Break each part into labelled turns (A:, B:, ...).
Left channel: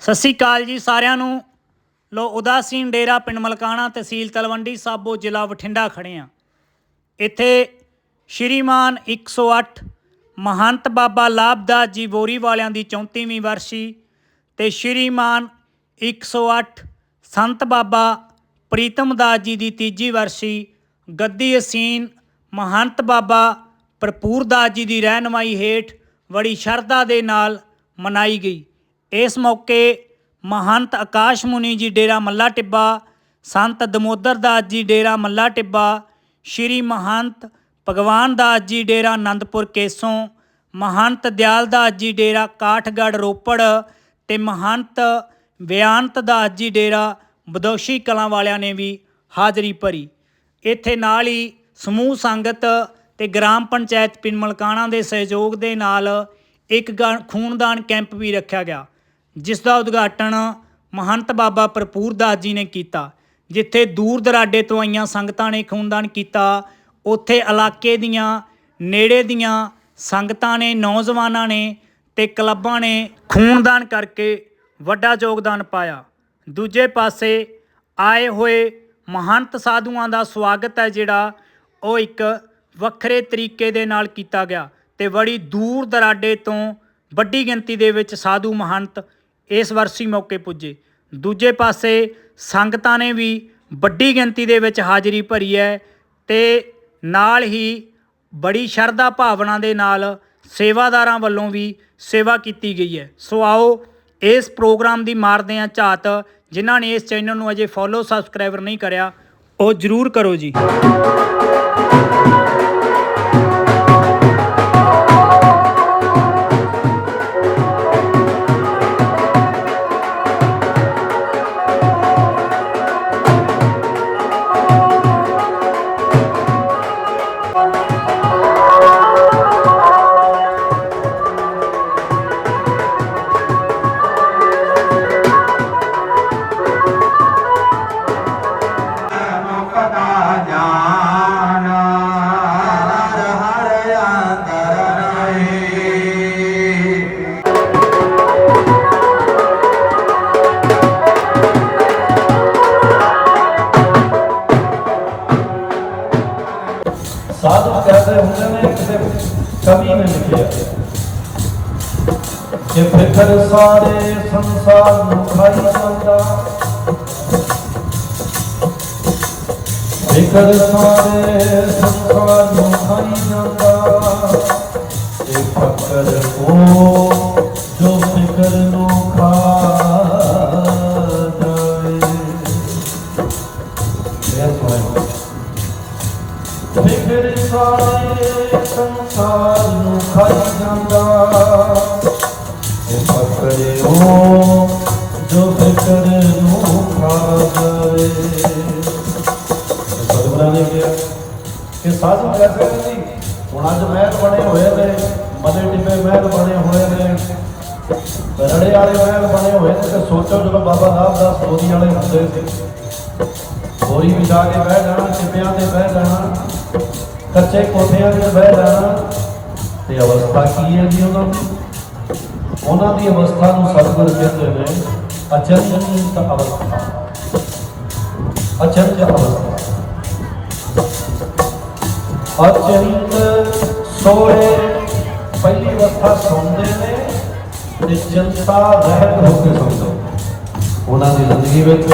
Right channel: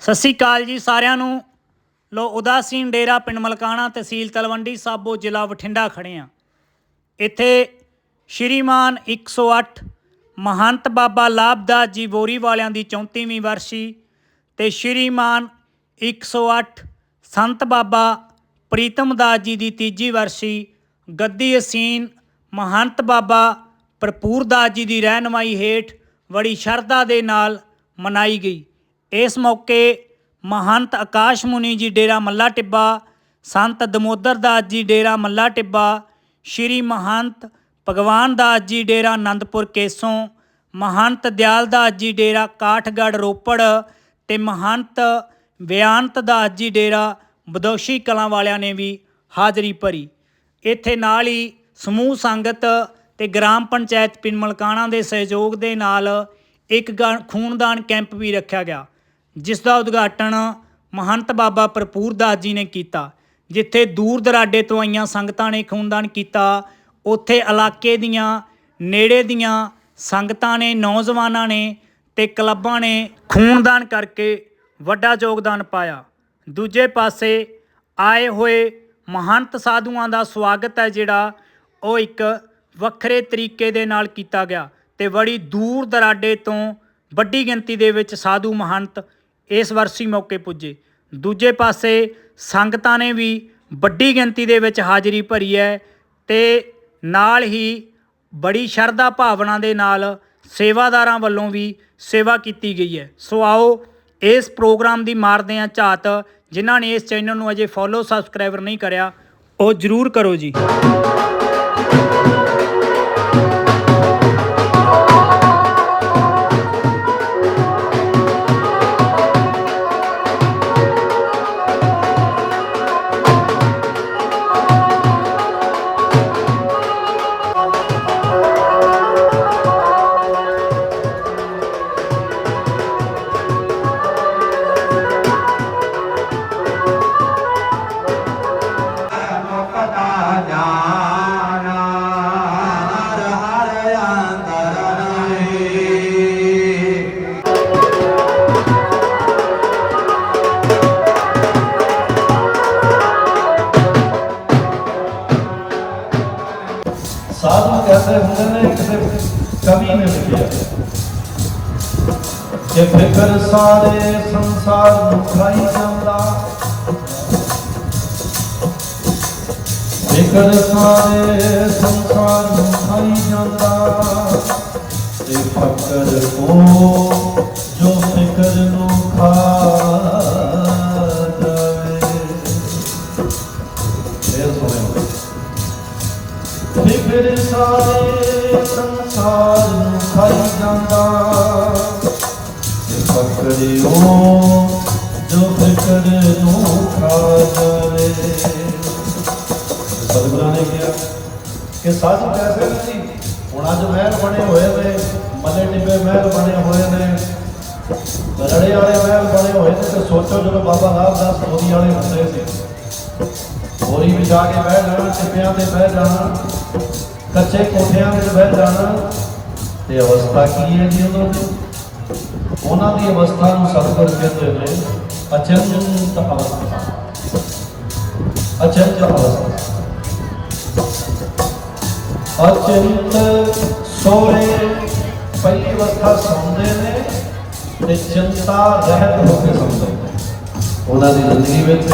A: ਸਤਿ ਸ੍ਰੀ ਅਕਾਲ ਜੀ ਸਾਰਿਆਂ ਨੂੰ। ਲੋ ਉਦਾਸੀਨ ਡੇਰਾ ਪਿੰਡ ਮਲਕਾਣਾ ਤਹਿਸੀਲ ਤਲਵੰਡੀ ਸਾਬੋ ਜ਼ਿਲ੍ਹਾ ਬਠਿੰਡਾ ਖੜੇ ਆ ਇੱਥੇ ਸ਼੍ਰੀਮਾਨ 108 ਮਹੰਤ ਬਾਬਾ ਲਾਭਦਾਸ ਜੀ ਬੋਰੀ ਵਾਲਿਆਂ ਦੀ 34ਵੀਂ ਵਰਸੀ ਤੇ ਸ਼੍ਰੀਮਾਨ 108 ਸੰਤ ਬਾਬਾ ਪ੍ਰੀਤਮ ਦਾਸ ਜੀ ਦੀ ਤੀਜੀ ਵਰਸੀ ਗੱਦੀ ਅਸੀਨ ਮਹੰਤ ਬਾਬਾ ਭਰਪੂਰ ਦਾਸ ਜੀ ਦੀ ਰਹਿਨਮਾਈ ਹੇਠ ਬੜੀ ਸ਼ਰਧਾ ਦੇ ਨਾਲ ਮਨਾਈ ਗਈ। ਇਸ ਮੌਕੇ ਮਹੰਤ ਆਕਾਸ਼ ਮੁਨੀ ਜੀ ਡੇਰਾ ਮੱਲਾ ਟਿੱਬਾ, ਸੰਤ ਦਮੋਦਰ ਦਾਸ ਜੀ ਡੇਰਾ ਮੱਲਾ ਟਿੱਬਾ, ਸ਼੍ਰੀ ਮਹੰਤ ਭਗਵਾਨ ਦਾਸ ਜੀ ਡੇਰਾ ਆਨੰਦਪੁਰ ਕੇਸੋਂ, ਮਹੰਤ ਦਿਆਲ ਦਾਸ ਜੀ ਡੇਰਾ ਕਾਠਗੜ੍ਹ ਰੋਪੜ ਤੇ ਮਹੰਤ ਬਿਆਨਤ ਦਾਸ ਜੀ ਡੇਰਾ ਬਦੋਸ਼ੀ ਕਲਾਂ ਵਾਲਿਆਂ ਨੇ ਵੀ ਹਾਜ਼ਰੀ ਭਰੀ। ਇੱਥੇ ਨਾਲ ਹੀ ਸਮੂਹ ਸੰਗਤ ਤੇ ਗ੍ਰਾਮ ਪੰਚਾਇਤ ਪਿੰਡ ਮਲਕਾਣਾ ਦੇ ਸਹਿਯੋਗ ਦੇ ਨਾਲ ਇੱਕ ਗਾ- ਖੂਨਦਾਨ ਕੈਂਪ ਵੀ ਰੱਖਿਆ ਗਿਆ। ਜਿਸ ਦਾ ਉਦਘਾਟਨ ਮਹੰਤ ਬਾਬਾ ਭਰਪੂਰ ਦਾਸ ਜੀ ਨੇ ਕੀਤਾ, ਜਿੱਥੇ ਦੂਰ ਦਰਾਡੇ ਤੋਂ ਆਈਆਂ ਸੰਗਤਾਂ ਨੇ ਖੂਨਦਾਨ ਕੀਤਾ, ਉੱਥੇ ਇਲਾਕੇ ਦੀਆਂ, ਨੇੜੇ ਦੀਆਂ ਸੰਗਤਾਂ ਨੇ, ਨੌਜਵਾਨਾਂ ਨੇ ਤੇ ਕਲੱਬਾਂ ਨੇ ਖੂਨਦਾਨ ਕਰਕੇ ਵੱਡਾ ਯੋਗਦਾਨ ਪਾਇਆ। ਦੂਜੇ ਪਾਸੇ ਆਏ ਹੋਏ ਮਹੰਤ ਸਾਧੂਆਂ ਦਾ ਸਵਾਗਤ ਹੈ ਜਿਹੜਾ ਉਹ ਇੱਕ ਵੱਖਰੇ ਤਰੀਕੇ ਦੇ ਨਾਲ ਕੀਤਾ ਗਿਆ ਤੇ ਬੜੀ ਦੂਰ ਦਰਾਡੇ ਤੋਂ ਵੱਡੀ ਗਿਣਤੀ ਦੇ ਵਿੱਚ ਸਾਧੂ ਮਹੰਤ ਇਸ ਵਰਸੀ ਮੌਕੇ ਪੁੱਜੇ। ਦੂਜੇ ਪਾਸੇ ਸੰਗਤਾਂ ਨੇ ਵੀ ਵੱਡੀ ਗਿਣਤੀ ਦੇ ਵਿੱਚ ਹਾਜ਼ਰੀ ਭਰੀ ਹੈ ਤੇ ਨਾਲ ਹੀ ਬੜੀ ਸ਼ਰਧਾ ਭਾਵਨਾ ਦੇ ਨਾਲ ਸੇਵਾਦਾਰਾਂ ਵੱਲੋਂ ਵੀ ਸੇਵਾ ਕੀਤੀ ਗਈ ਹੈ। ਸੋ ਆਓ ਇਸ ਪ੍ਰੋਗਰਾਮ ਦੀ ਮਾਰਦੇ ਹਾਂ ਝਾਤ। ਜਿਨ੍ਹਾਂ ਨੇ ਇਸ ਚੈਨਲ ਨੂੰ ਅਜੇ ਫੋਲੋ ਸਬਸਕ੍ਰਾਈਬਰ ਨਹੀਂ ਕਰਿਆ, ਉਹ ਜਰੂਰ ਕਰੋ ਜੀ।
B: ਸਾਧੂ ਕਹਿੰਦੇ ਹੁੰਦੇ ਨੇ ਕਿਸੇ ਕਵੀ ਨੇ ਲਿਖਿਆ ਕਿ ਫਿਕਰ ਸਾਰੇ ਸੰਸਾਰ ਨੂੰ ਖਾਈ ਜਾਂਦਾ, ਫਿਕਰ ਸਾਰੇ ਸੰਸਾਰ ਨੂੰ ਖਾਈ ਜਾਂਦਾ, ਤੇ ਫਕਰ ਕੋ ਜੋ ਫਿਕਰ ਨੂੰ ਕਿ ਸਾਧੂ ਕੈਸੇ ਨਹੀਂ ਹੁਣ ਅੱਜ ਮਹਿਲ ਬਣੇ ਹੋਏ ਨੇ ਮਦੇ ਟਿੱਬੇ ਮਹਿਲ ਬਣੇ ਹੋਏ ਨੇ। ਦਰੜੇ ਵਾਲੇ ਮਹਿਲ ਬਣੇ ਹੋਏ ਨੇ, ਤੇ ਸੋਚੋ ਜਦੋਂ ਬਾਬਾ ਨਾਮਦਾਸ ਬੋਰੀ ਵਾਲੇ ਹੁੰਦੇ ਸੀ। ਬੋਰੀ ਵਿਛਾ ਕੇ ਬਹਿ ਜਾਣਾ, ਟਿੱਬਿਆਂ ਤੇ ਬਹਿ ਜਾਣਾ, ਕੱਚੇ ਕੋਠਿਆਂ ਵਿੱਚ ਬਹਿ ਜਾਣਾ, ਤੇ ਅਵਸਥਾ ਕੀ ਹੈ ਜੀ ਉਹਨਾਂ ਦੀ? ਉਹਨਾਂ ਦੀ ਅਵਸਥਾ ਨੂੰ ਸਤਿਗੁਰ ਕਹਿੰਦੇ ਨੇ ਅਚੰਤ ਅਵਸਥਾ। ਅਚੰਤ ਅਵਸਥਾ। ਅਚੰਤ ਸੋਏ ਪਹਿਲੀ ਅਵਸਥਾ ਸੌਂਦੇ ਨੇ ਤੇ ਚਿੰਤਾ ਰਹਿਤ ਹੋ ਕੇ ਸੌਂਦੇ ਉਹਨਾਂ ਦੀ ਜ਼ਿੰਦਗੀ ਵਿੱਚ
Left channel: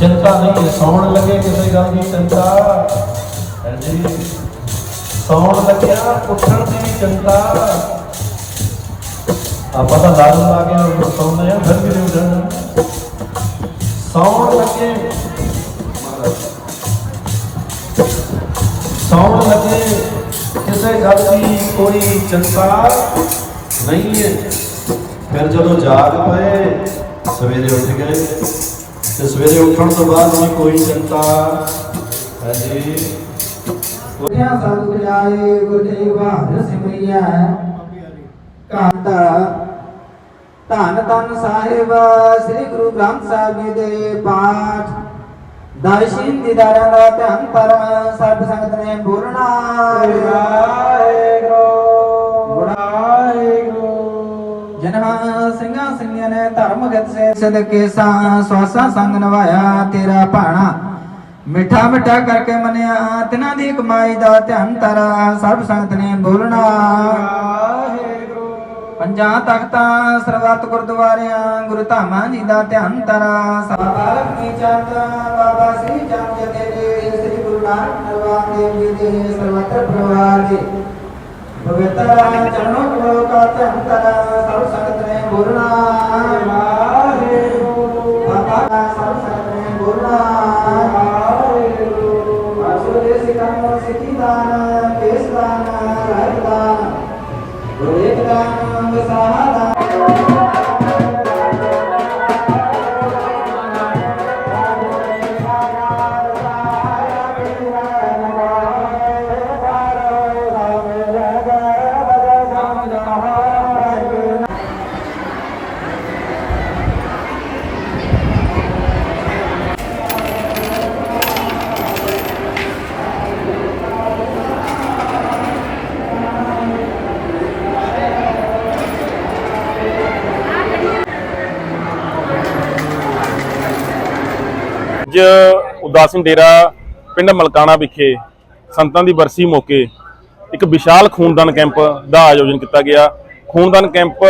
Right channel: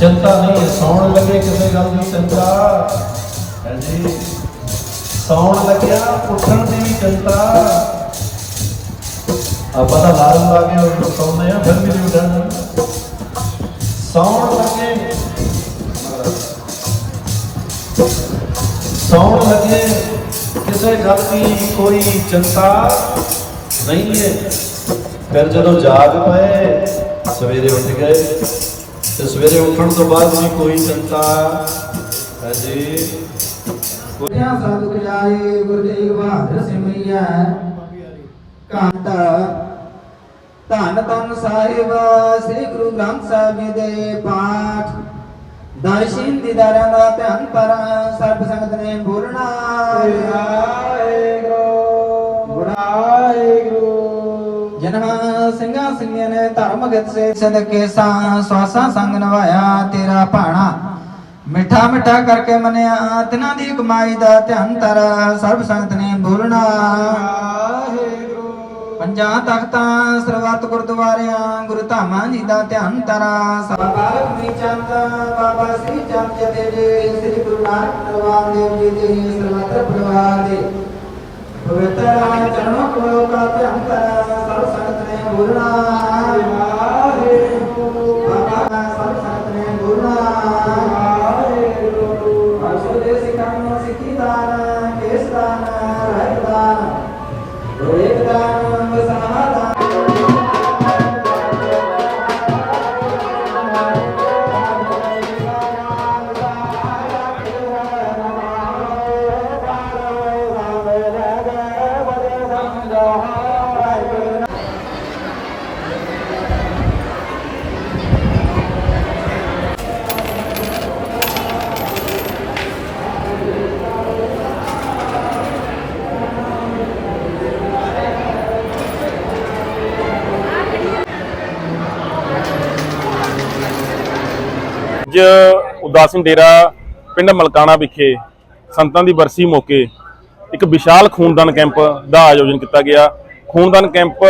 B: ਚਿੰਤਾ ਨਹੀਂ ਹੈ ਸੌਣ ਲੱਗੇ ਕਿਸੇ ਗੱਲ ਦੀ ਚਿੰਤਾ। ਜੀ, ਸੌਣ ਲੱਗਿਆ, ਉੱਠਣ ਦੀ ਚਿੰਤਾ। ਆਪਾਂ ਤਾਂ ਲਾਲ ਲਾ ਕੇ ਉਹ ਸੌਂਦੇ ਆ ਫਿਰ ਵੀ ਉੱਠਣਾ। ਸੌਣ ਲੱਗੇ ਕਿਸੇ ਗੱਲ ਦੀ ਕੋਈ ਚਿੰਤਾ ਨਹੀਂ ਹੈ। ਫਿਰ ਜਦੋਂ ਜਾਗ ਪਏ, ਸਵੇਰੇ ਉੱਠ ਗਏ ਤੇ ਸਵੇਰੇ ਉੱਠਣ ਤੋਂ ਬਾਅਦ ਵੀ ਕੋਈ ਚਿੰਤਾ ਹੈ ਜੀ।
C: ਗੁਰਿਆ ਸਤ ਗੁਜਾਏ ਬਹਾਦਰ ਸਿਮਰਿਆ ਕਾਂਤ, ਧੰਨ ਧੰਨ ਸਾਹਿਬ, ਸ੍ਰੀ ਗੁਰੂ ਗ੍ਰੰਥ ਸਾਹਿਬ ਜੀ ਦੇ ਪਾਠ। ਦਰਸ਼ਨ ਦੀਦਾਰਾਂ ਦਾ ਧਿਆਨ ਪਰ ਸਰਬ ਸੰਗਤ ਨੇ ਬੋਲਣਾ। ਸਿੰਘਾਂ ਸਿੰਘਾਂ ਨੇ ਧਰਮ ਗਤ ਸੇ ਸਦਕੇ ਸਾ ਸਵਾਸਾ ਸੰਗ ਨਵਾਇਆ ਤੇਰਾ ਭਾਣਾ ਮਿੱਠਾ ਮਿੱਠਾ ਕਰਕੇ ਮਨਿਆ, ਤਿਨਾਂ ਦੀ ਕਮਾਈ ਦਾ ਧਿਆਨ ਤਰ ਸਰਬ ਸੰਗਤ ਨੇ ਬੋਲਣਾ। ਪੰਜਾਂ ਤਖਤਾਂ, ਸਰਬੱਤ ਗੁਰਦੁਆਰਿਆਂ, ਗੁਰੂ ਧਾਮਾਂ ਜੀ ਦਾ ਧਿਆਨ ਤਰਾ ਬਾਬਾ ਕੀ ਚੰਦ, ਬਾਬਾ ਸ੍ਰੀ ਚੰਦ ਜੀ ਦੇ, ਸ੍ਰੀ ਗੁਰੂ ਨਾਨਕ ਨਰਵਾਨ ਦੇਵ ਜੀ ਦੇ, ਸਰਬੱਤ ਪਰਿਵਾਰ ਦੇ। ਪਵਿੱਤਰ ਚਰਨੋਂ ਕੋ ਕਾ ਧਿਆਨ ਤਰਾ ਸਰਬ
D: ਸਿੰਘ ਡੇਰਾ ਪਿੰਡ ਮਲਕਾਣਾ ਵਿਖੇ ਸੰਤਾਂ ਦੀ ਬਰਸੀ ਮੌਕੇ ਇੱਕ ਵਿਸ਼ਾਲ ਖੂਨਦਾਨ ਕੈਂਪ ਦਾ ਆਯੋਜਨ ਕੀਤਾ ਗਿਆ। ਖੂਨਦਾਨ ਕੈਂਪ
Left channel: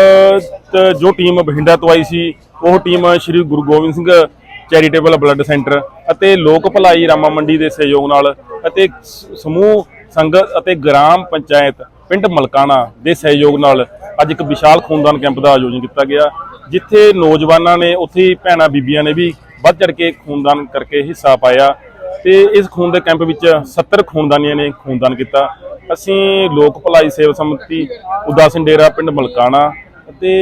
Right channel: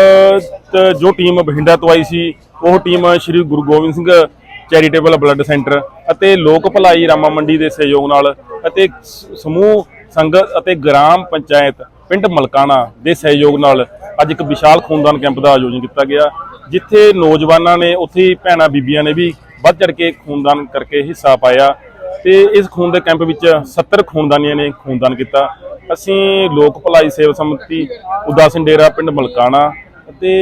D: ਜੋ ਟੀਮ ਬਠਿੰਡਾ ਤੋਂ ਆਈ ਸੀ, ਉਹ team Shri Guru Gobind Singh charitable blood centre ਅਤੇ ਲੋਕ ਭਲਾਈ ਰਾਮਾ ਮੰਡੀ ਦੇ ਸਹਿਯੋਗ ਨਾਲ ਅਤੇ ਸਮੂਹ ਸੰਗਤ ਅਤੇ ਗ੍ਰਾਮ ਪੰਚਾਇਤ ਪਿੰਡ ਮਲਕਾਣਾ ਦੇ ਸਹਿਯੋਗ ਨਾਲ ਅੱਜ ਇੱਕ ਵਿਸ਼ਾਲ ਖੂਨਦਾਨ ਕੈਂਪ ਦਾ ਆਯੋਜਨ ਕੀਤਾ ਗਿਆ, ਜਿੱਥੇ ਨੌਜਵਾਨਾਂ ਨੇ, ਉੱਥੇ ਹੀ ਭੈਣਾਂ ਬੀਬੀਆਂ ਨੇ ਵੀ ਵੱਧ ਚੜ ਕੇ ਖੂਨਦਾਨ ਕਰਕੇ ਹਿੱਸਾ ਪਾਇਆ ਤੇ ਇਸ ਖੂਨ ਦੇ ਕੈਂਪ ਵਿੱਚ 70 ਖੂਨਦਾਨੀਆਂ ਨੇ ਖੂਨਦਾਨ ਕੀਤਾ। ਅਸੀਂ ਲੋਕ ਭਲਾਈ ਸੇਵਾ ਸਮਿਤੀ ਉਦਾਸਨ ਡੇਰਾ ਪਿੰਡ ਮਲਕਾਣਾ ਅਤੇ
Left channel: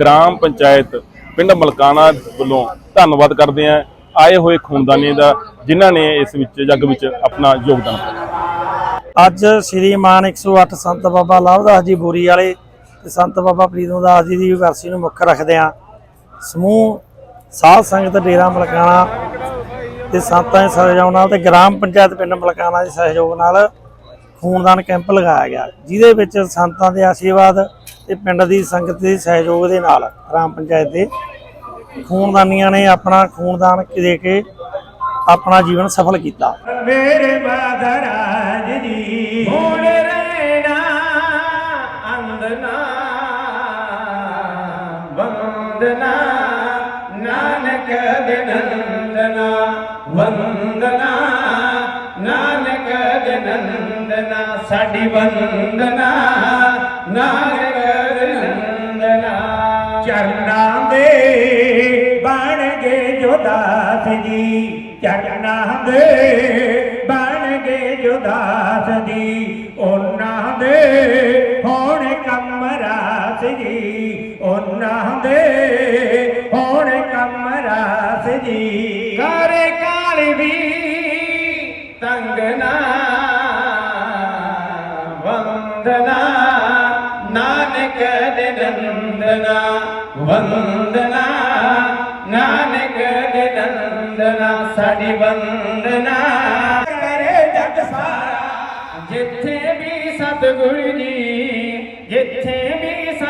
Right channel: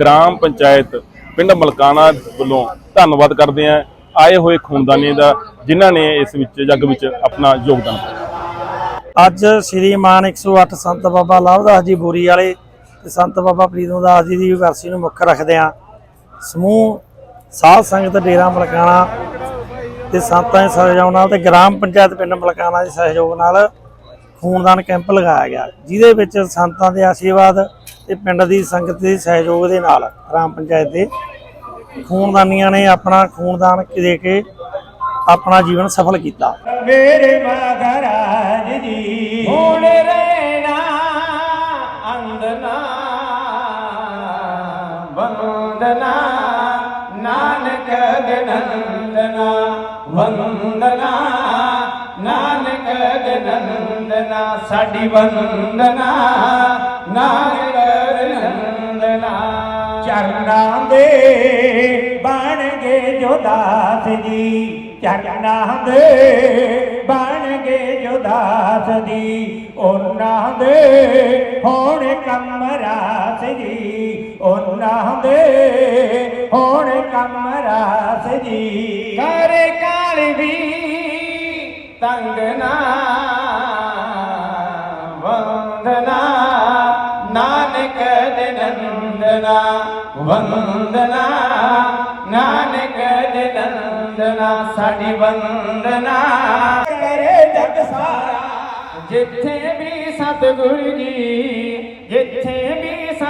D: ਗ੍ਰਾਮ ਪੰਚਾਇਤ ਪਿੰਡ ਮਲਕਾਣਾ ਵੱਲੋਂ ਧੰਨਵਾਦ ਕਰਦੇ ਹਾਂ ਆਏ ਹੋਏ ਖੂਨਦਾਨੀਆਂ ਦਾ, ਜਿਨ੍ਹਾਂ ਨੇ ਇਸ ਵਿੱਚ, ਜੱਗ ਵਿੱਚ ਆਪਣਾ ਯੋਗਦਾਨ ਪਾਇਆ।
E: ਅੱਜ ਸ੍ਰੀ ਮਾਨ 108 ਸੰਤ ਬਾਬਾ ਲਾਭਦਾਸ ਜੀ ਬੋਰੀ ਵਾਲੇ ਤੇ ਸੰਤ ਬਾਬਾ ਪ੍ਰੀਤਮ ਦਾਸ ਜੀ ਦੀ ਵਰਸੀ ਨੂੰ ਮੁੱਖ ਰੱਖਦਿਆਂ ਸਮੂਹ ਸਾਧ ਸੰਗਤ ਡੇਰਾ ਮਲਕਾਣਾ ਤੇ ਸੰਤਾਂ ਦੇ ਸਹਿਯੋਗ ਨਾਲ ਤੇ ਗ੍ਰਾਮ ਪੰਚਾਇਤ ਪਿੰਡ ਮਲਕਾਣਾ ਦੇ ਸਹਿਯੋਗ ਨਾਲ ਖੂਨਦਾਨ ਕੈਂਪ ਲਗਾਇਆ ਗਿਆ, ਜਿਹਦੇ ਵਿੱਚ ਸੰਤਾਂ ਦੇ ਆਸ਼ੀਰਵਾਦ ਤੇ ਪਿੰਡ ਦੀ ਸੰਗਤ ਦੇ ਸਹਿਯੋਗ ਦੇ ਨਾਲ ਗ੍ਰਾਮ ਪੰਚਾਇਤ ਦੇ ਖੂਨਦਾਨੀਆਂ ਨੇ ਆਪਣਾ ਖੂਨਦਾਨ ਦੇ ਕੇ ਆਪਣਾ ਜੀਵਨ ਸਫਲ ਕੀਤਾ।
F: ਮੇਰੇ ਮਹਾਰਾਜ ਜੀ ਹੁਣ ਨੰਦਨਾ, ਸਾਡੀ ਵੰਦਨਾ ਨਾਨਕ ਗਨੰਦਨਾ ਚਰਨਾਂ ਦੇ ਬਣ ਗਏ ਜੋਦਾਸ ਜੀ, ਚਰਨਾਂ ਦੇ ਬਣ ਗਏ ਜੋਦਾਸ ਜੀ, ਉਹਨਾਂ ਦੇ ਹੋਣ ਕਮਰਾਸ ਜੀ, ਉਹਨਾਂ ਦੇ ਨੰਦਨਾ ਵੰਦਨਾ ਨਾਨਕ ਦੇ ਨੰਦਨਾ ਸਾਡੀ ਵੰਦਨਾ ਕਰੇ ਜਗ ਸਾਰਾ ਜਿੱਥੇ ਵੀ ਸਤਿਗੁਰੂ ਜੀ ਜਿੱਥੇ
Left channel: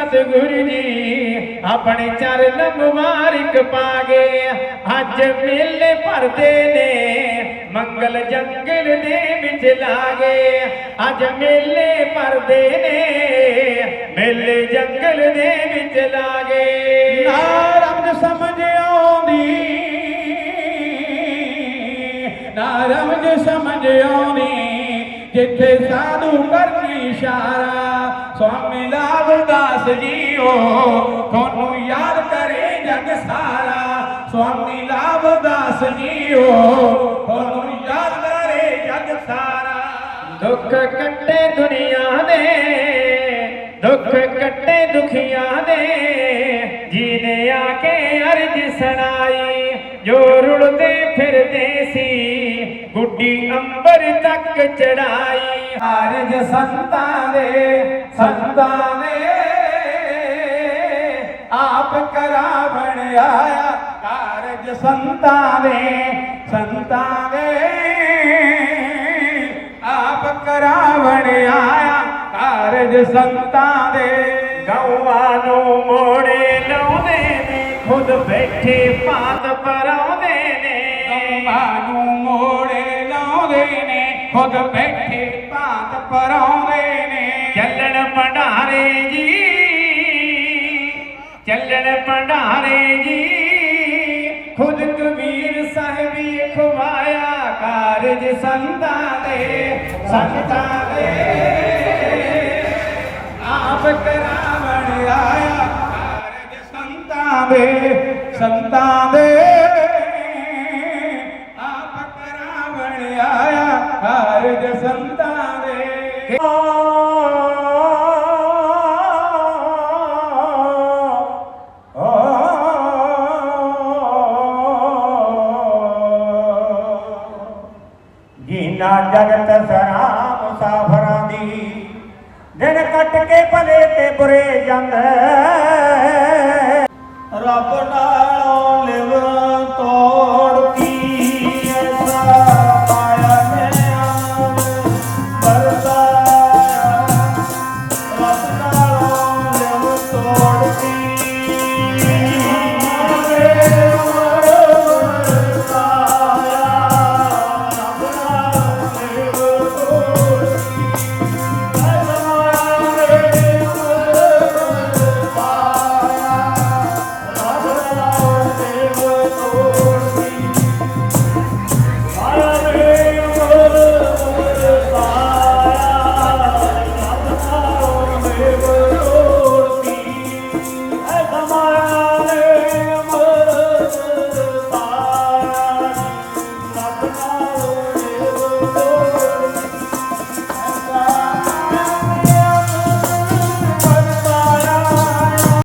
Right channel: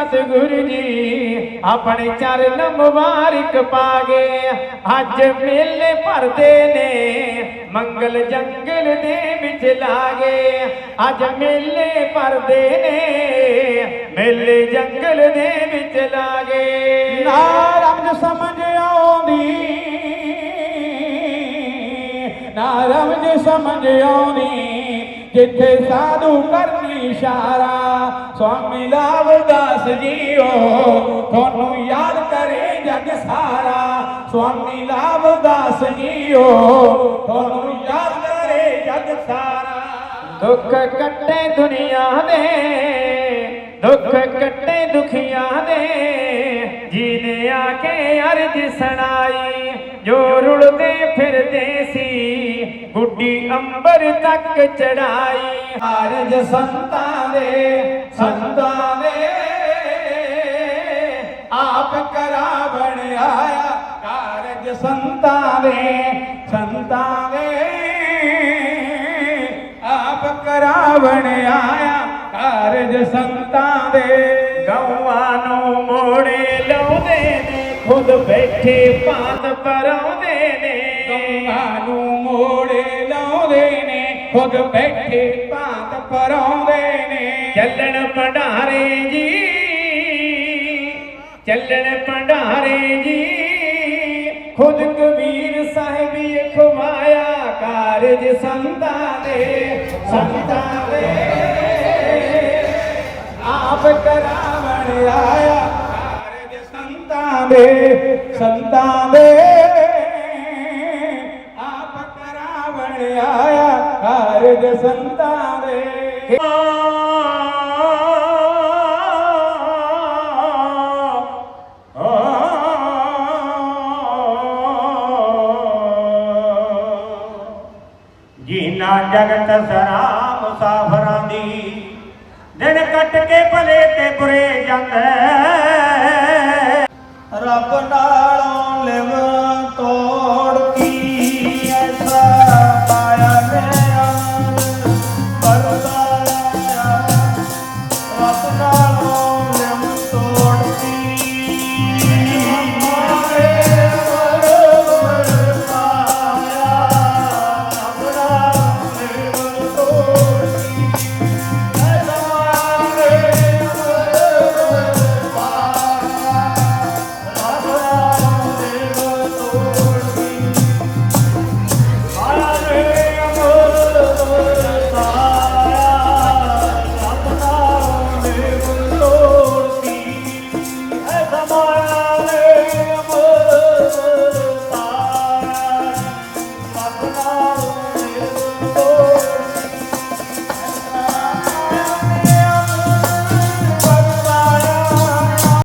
F: ਸਤਿਗੁਰੂ ਜੀ, ਆਪਣੇ ਚਰਨ ਮੁਬਾਰਕ ਪਾਗੇ। ਅੱਜ ਮੇਲੇ ਭਰਦੇ ਨੇ, ਮੰਗਲ ਜੰਗਲ ਦੇ ਵਿੱਚ ਲਾਗੇ। ਅੱਜ ਮੇਲੇ ਭਰਦੇ ਨੇ, ਮੇਲੇ ਜੰਗਲ ਦੇ ਵਿੱਚ ਲਾਗੇ। ਨਾ ਰਬ ਸਮਝ ਆਉਂਦੀ, ਨਾ ਰਮਜ ਸਮਝ ਆਉਣੀ ਜਿੱਥੇ ਸਾਧੂ ਕਰਨੀ ਇਸ਼ਾਰਾ ਸਵਾਮੀ ਲਾਲਦਾਸ ਜੀਓ ਤੁਹਾਨੂੰ ਯਾਦ ਕਰੇ ਜਗ ਸਾਰਾ। ਸਵਾਮੀ ਲਾਲਦਾਸ ਜੀਓ ਤੁਹਾਨੂੰ ਯਾਦ ਕਰੇ ਜਗ ਸਾਰਾ। ਦੁੱਖ ਕੱਟੇ ਦੁਨੀਆ ਦੇ ਦੁੱਖ ਕੱਟੇ ਦੁਖੀਆਂ ਦੇ। ਜੀਨੇ ਆ ਕੇ ਅਰਜ ਸੁਣਾਈ ਜੋ ਰੁਲਦੇ ਫਿਰਦੇ ਸੀ ਗੁੱਡੀ ਅੰਬਰ ਤੱਕ ਚੜਾਈ। ਅਰਜ ਸੰਤਾਂ ਦੇ ਸੰਤਾਂ ਦੇ ਆਪ ਕਰਾਵਣ ਆਇਆ ਕਾਰਜ ਸੰਤਾਂ ਦੇ ਸੰਤਾਂ ਦੇ ਆਪ ਕਰਾਵਣ ਆਇਆ ਕਾਰਜ ਸੰਤਾਂ ਦੇ ਗਊਆਂ ਨੂੰ ਮੋੜ ਖੁਦ ਬੈਠੇ ਭਾਂਤ ਪਰਾਉਂਦੇ ਨੇ। ਦੋਹਾਂ ਨੂੰ ਮੋੜੇ ਲਾਉਂਦੇ ਨੇ ਖੁਦ ਬੈਠੇ ਭਾਂਤ ਪਰਾਉਂਦੇ ਨੇ। ਚੱਲਣ ਚੱਲਣ ਭੰਡਾਰੇ ਜੀ। ਖੁਦ ਕਬੀਰ ਸਾਹਿਬ ਖਵਾਇਆ ਕਾਰਜ ਸੰਤਾਂ ਦੇ। ਸੰਤਾਂ ਦੇ। ਆਪ ਕਰਾਵਣ ਆਇਆ ਕਾਰਜ ਸੰਤਾਂ ਦੇ। ਸੰਤਾਂ ਦੇ। ਆਪ ਕਰਾਵਣ ਆਇਆ ਕਾਰਜ ਸੰਤਾਂ ਜੀਨਾ ਜਗਤ ਸਰਾ ਮੁਸਾਫਰਾਂ ਦੀ। ਦਿਨ ਕੱਟ ਕੇ ਭਲੇ ਤੇ ਬੁਰੇ ਜਾਂਦਾ। ਰੱਬ ਨਾਲੋਂ ਲਿਵ